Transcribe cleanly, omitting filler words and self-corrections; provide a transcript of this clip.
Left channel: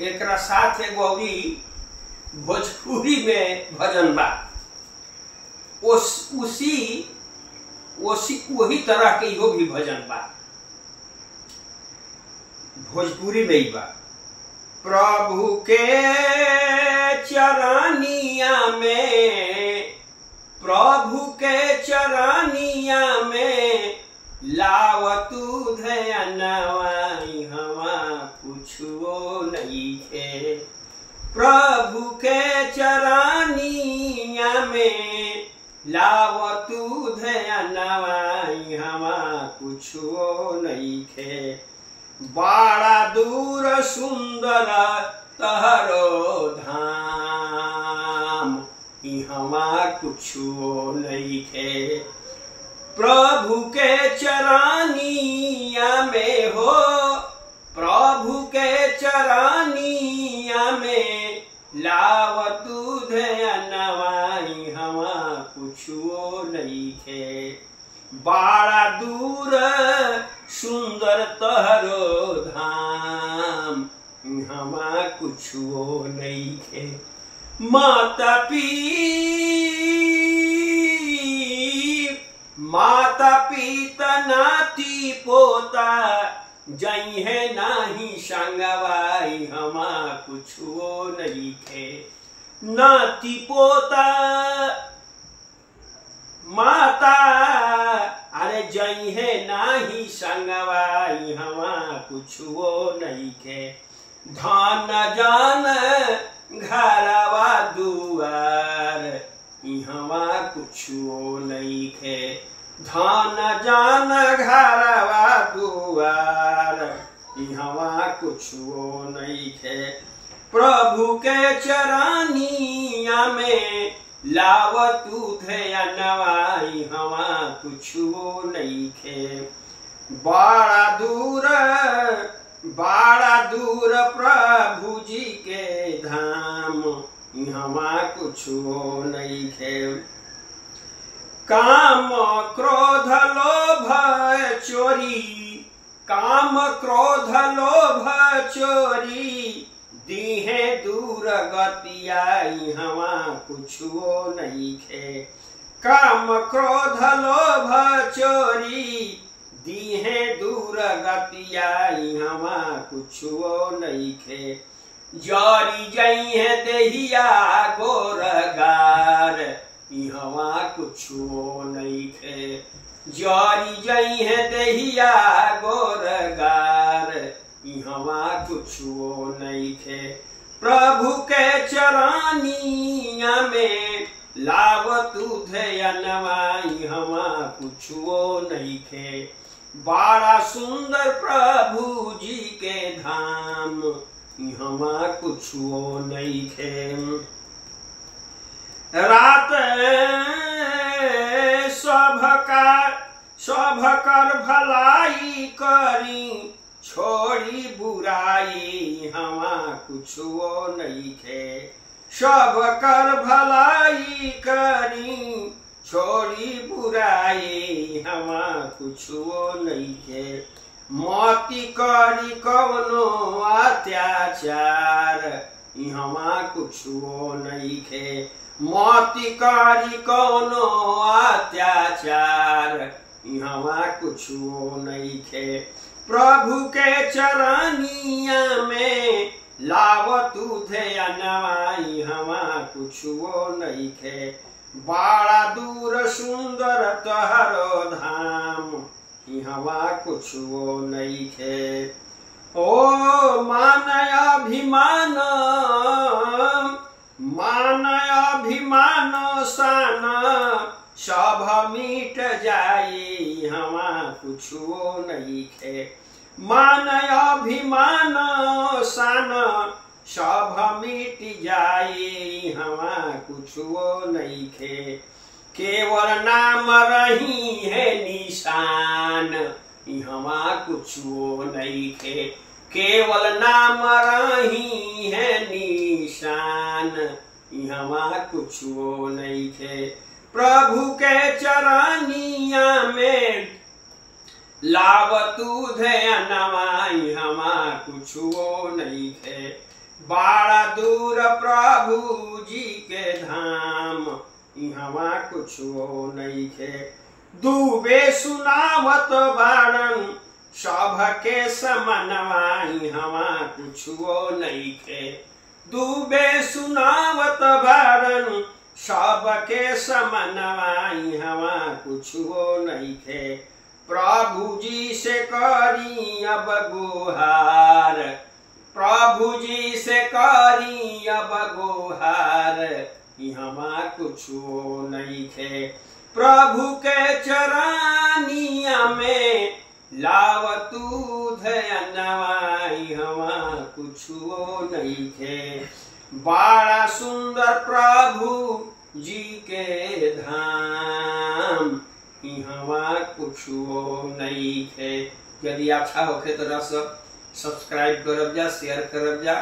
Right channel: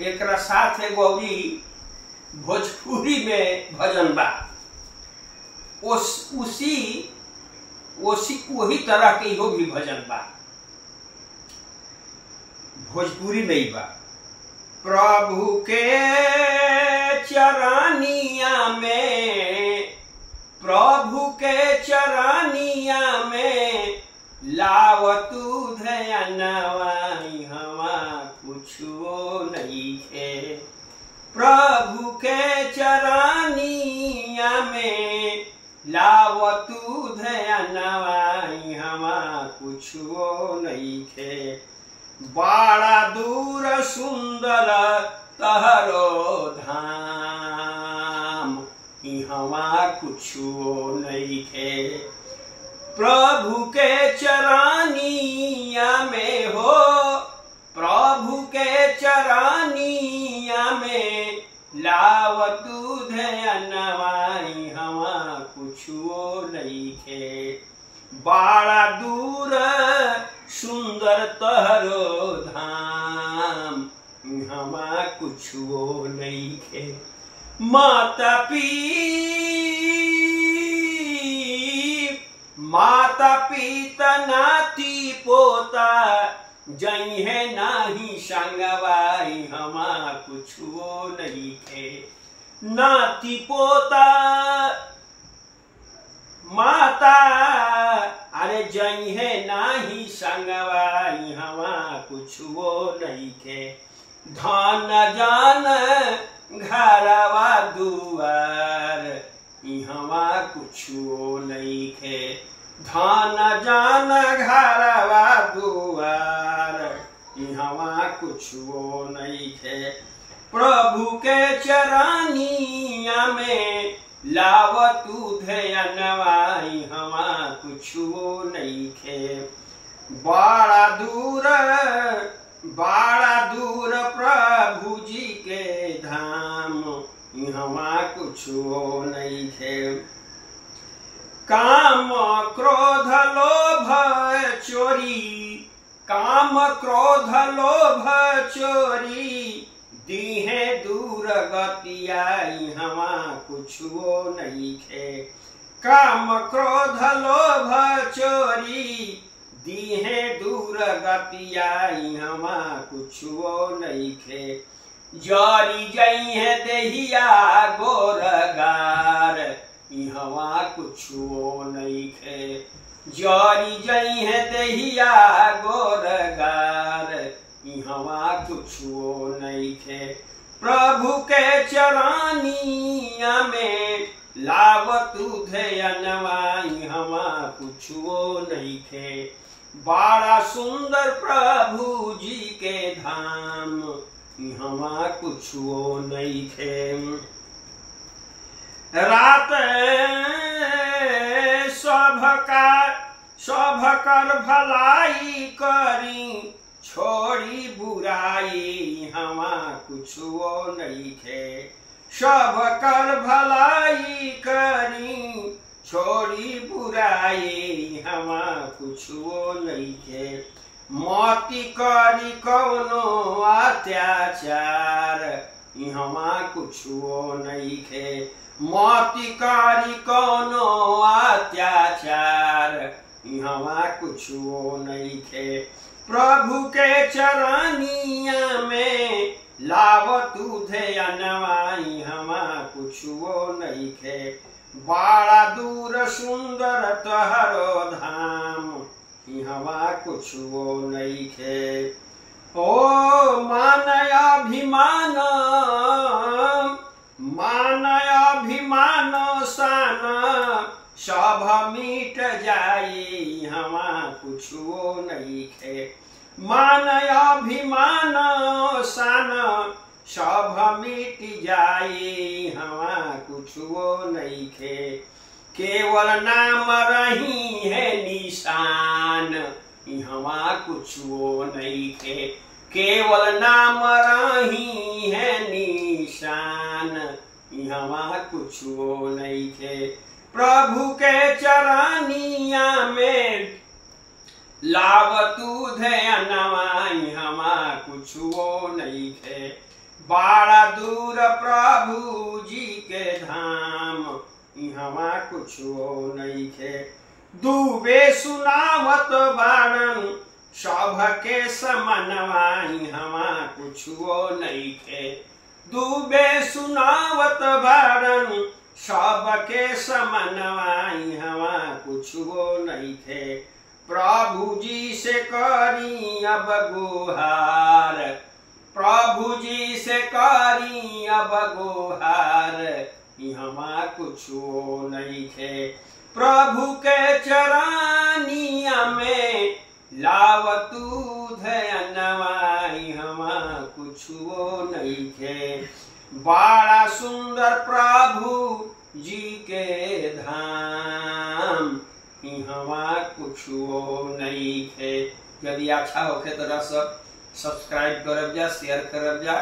एकरा साथ एगो अउरी भोजपुरी में भजन बा। वही तरह के इहो भी भजन बा, भोजपुरी में ही बा। प्रभु के चरनिया में, प्रभु के चरनिया में लाव तू ध्यानवा हवा कुछो नइखे। प्रभु के चरनिया में लाव तू ध्यानवा हवा कुछो नइखे। बड़ा दूर सुंदर तहरो धाम, इहवा कुछो नइखे। प्रभु के चरनिया में हो, प्रभु के चरनिया में लाव तू ध्यानवा हवा कुछो नइखे। बड़ा दूर सुंदर तहरो धाम, हमा कुछो नइखे। माता पिता नाती पोता जइहे नाही संगवाई, हमा कुछो नइखे। नाती पोता माता अरे जइहे नाही संगवाई, हवा कुछो नइखे। धन जान घरवा दुआर, इहवा कुछो नइखे। धन जान घरवा दुआर, इहवा कुछो नइखे। प्रभु के चरनिया में लाव तू ध्यानवा हवा कुछो नइखे। बड़ा दूर प्रभु जी के धाम, हवा कुछो नइखे। काम क्रोध लोभ चोरी, काम क्रोध लोभ चोरी दीहे दूर गतिया, हवा कुछो नइखे। काम क्रोध लोभ चोरी दीहे दूर गतिया, हवा कुछो नइखे। जरी जइहे देहिया गोरगार, इहवा कुछो नइखे। जरी जइहे देहिया गोरगार, इहवा कुछो नइखे। प्रभु के चरनिया में लाव तू ध्यानवा हवा कुछो नइखे। बड़ा सुंदर प्रभु जी के धाम, इहवा कुछो नइखे। रात सबकर भलाई करी, छोड़ी बुराई हवा कुछो नइखे। सबकर भलाई करी, छोड़ी बुराई हवा कुछो नइखे। मती करी कवनो अत्याचार, इहवा कुछो नइखे। मती करी कवनो अत्याचार, इहवा कुछो नइखे। प्रभु के चरनिया में लाव तू ध्यानवा हवा कुछो नइखे। बड़ा दूर सुंदर तहरो धाम, इहवा कुछो नइखे। ओ मानय अभिमान, मानय अभिमान सान सब मिट जाई, हवा कुछो नइखे। मानय अभिमान सान सब मिट जाई, हवा कुछो नइखे। केवल नाम रही है निशान, इहवा कुछो नइखे। केवल नाम रही है निशान, इहवा कुछो नइखे। प्रभु के चरनिया में लाव तू ध्यानवा हमा कुछो नइखे। बड़ा दूर प्रभु जी के धाम, इहवा कुछो नइखे। दुबे सुनावत बाड़न सबके समनवा, इहवा कुछो नइखे। दुबे सुनावत बाड़न सबके समनवा, इहवा कुछो नइखे। प्रभु जी से करी अब गुहार, प्रभु जी से करी अब गुहार, इहवा कुछो नइखे। प्रभु के चरानिया में लाव तू धयनवा, इहवा कुछो नइखे। बड़ा सुंदर प्रभु जी के धाम, इहवा कुछो नइखे। यदि अच्छा होखे तो सब्सक्राइब करब जा, शेयर करब जा,